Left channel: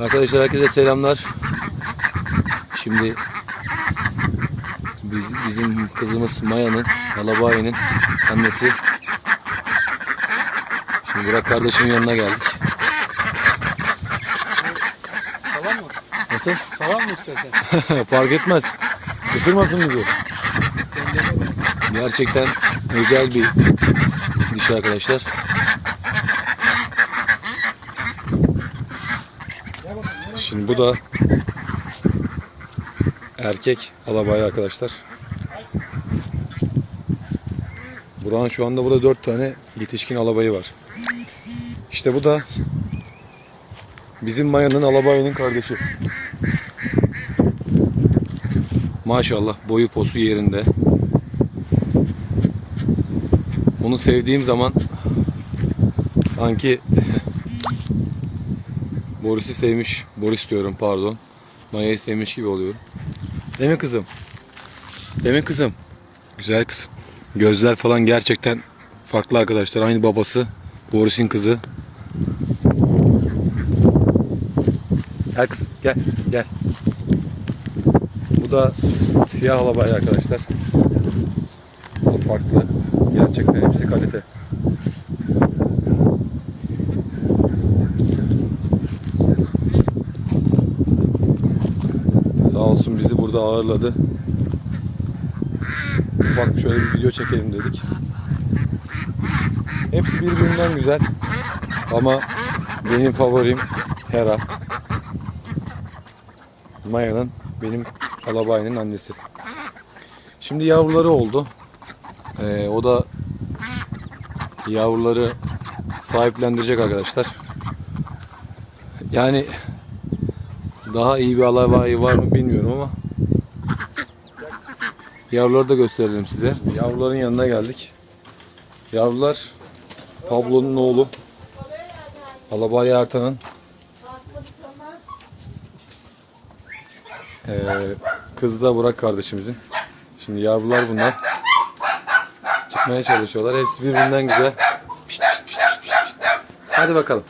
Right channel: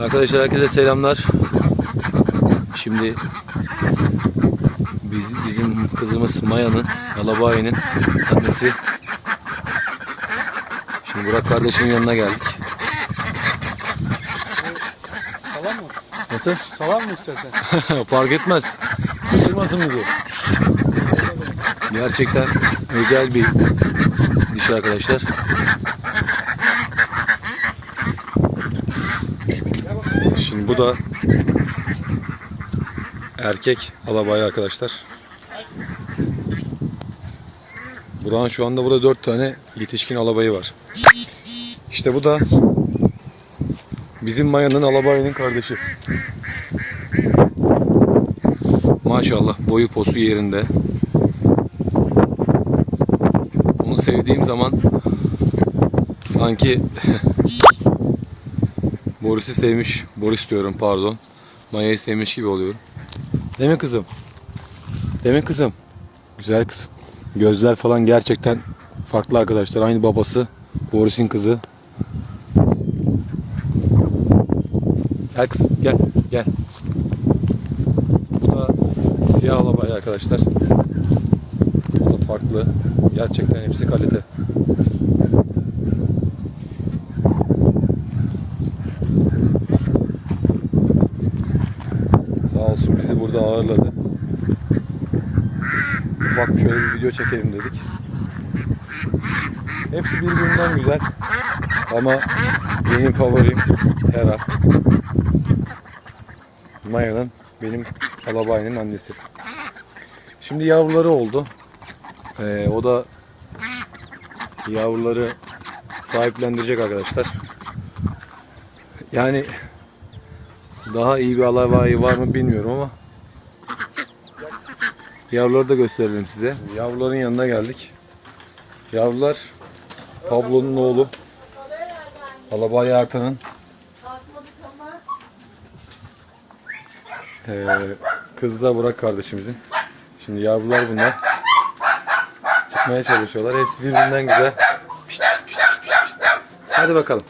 Arkadaşlar herkese selamlar. Şimdi biz, bizim kızımız Maya'nın, Alabaya'nın annesi. Şimdi Burak kardeşimin yanına geldik. Salam mı? Nasıl? Salam mı istersen? Fark etmez. Isırmasın bizi. Gerçekten özel bir dişi arkadaşlar. Şimdi bu da erkek alabay arkadaşlar. Burak'ın şu anda burada dört tane yetişkin alabayı var. İşte bu da bizim Maya'nın alabayının kardeşi. Maşallah boyu posu yerinde. Onu sevdiğim zaman sanki Boris'i sevmiş, Boris diyorum pardon. Maya'yı sevmiş gibi oluyorum. Değil mi kızım? Değil mi kızım? Güzel kızım. Gözler falan gerçekten farklı arkadaşlar. Aynı babası. Boris'in kızı. Gel kızım gel gel. Bu da siyah alabay arkadaşlar. Bu farklı. Gerçekten hepsi kalite. Sağ olsun bizi burada ağırladı. Ufak şöyle bir video çekelim dedik. Hepsi birbirinden güzel. Ama benim favorim Hera. Maya'nın benim alabayının annesi. Şimdi yavruları oldu. Ee, o da yavruları sahiplendirecek arkadaşlar. Yani daha iyi bir alabayı var mı bilmiyorum ama yavruları da gösterelim size. Yavruların yanına geldik. Yavrular Pablo'nun oğlu. Alabay Ertan'ın Ee, kız da Burak kardeşimizin. Şimdi yavrular bunlar. Çıkmaya çalışıyorlar. Hepsi birbirinden güzel. Hadi bakalım.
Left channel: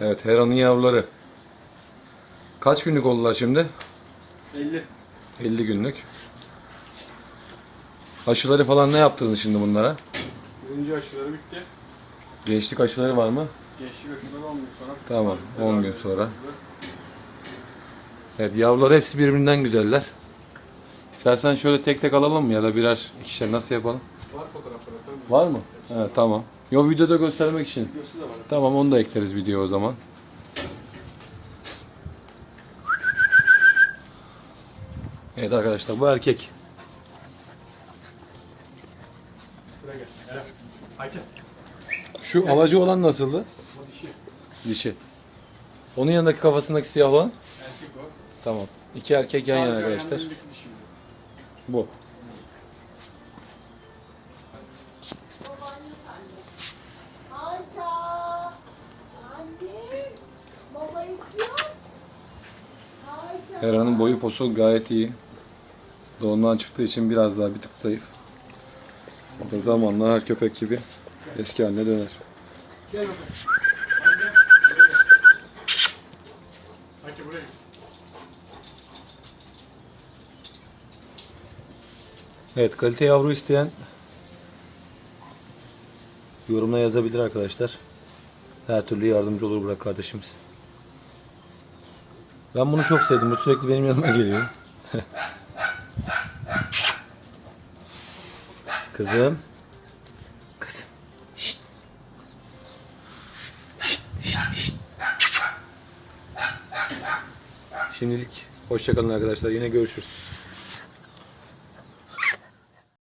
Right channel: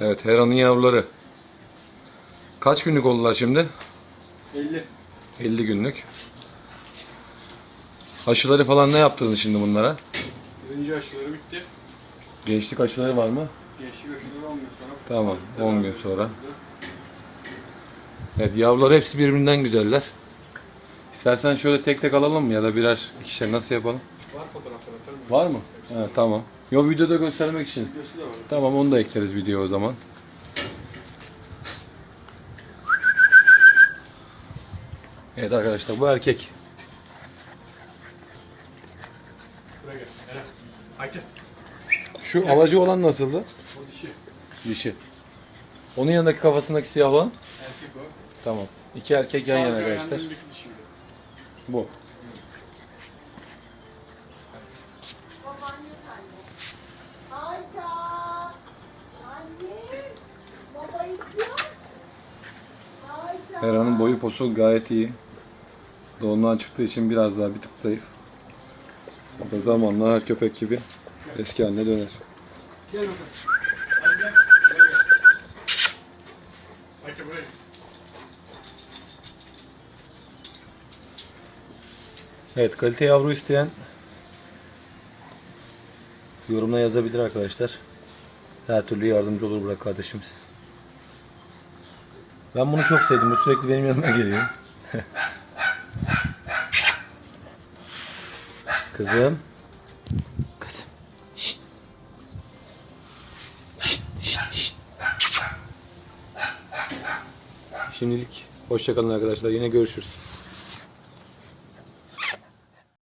Evet Hera'nın yavruları. Kaç günlük oldular şimdi? 50. 50 günlük. Aşıları falan ne yaptınız şimdi bunlara? Birinci aşıları bitti. Gençlik aşıları var mı? Gençlik aşıları 10 gün sonra. Tamam 10 gün sonra. Evet yavrular hepsi birbirinden güzeller. İstersen şöyle tek tek alalım mı ya da birer ikişer nasıl yapalım? Var fotoğraflar atarım. Var mı? Ha, tamam. Yo videoda göstermek için. Videosu da var. Tamam onu da ekleriz video o zaman. Evet arkadaşlar bu erkek. Şu alacı olan nasıldı? O dişi. Dişi. Onun yanındaki kafasındaki siyah olan? Erkek o. Tamam. İki erkek yan yana Arka arkadaşlar. Bu. Hera'nın boyu posu gayet iyi. Doğumdan çıktığı için biraz daha bir tık zayıf. O da zamanla her köpek gibi eski haline döner. Evet kalite yavru isteyen yorumla yazabilir arkadaşlar. Her türlü yardımcı olur Burak kardeşimiz. Ben bunu çok sevdim. Bu sürekli benim yanıma geliyor. Kızım. Kızım. Şşt. Şşt, şşt, şşt. Şimdilik hoşçakalın arkadaşlar. Yine görüşürüz.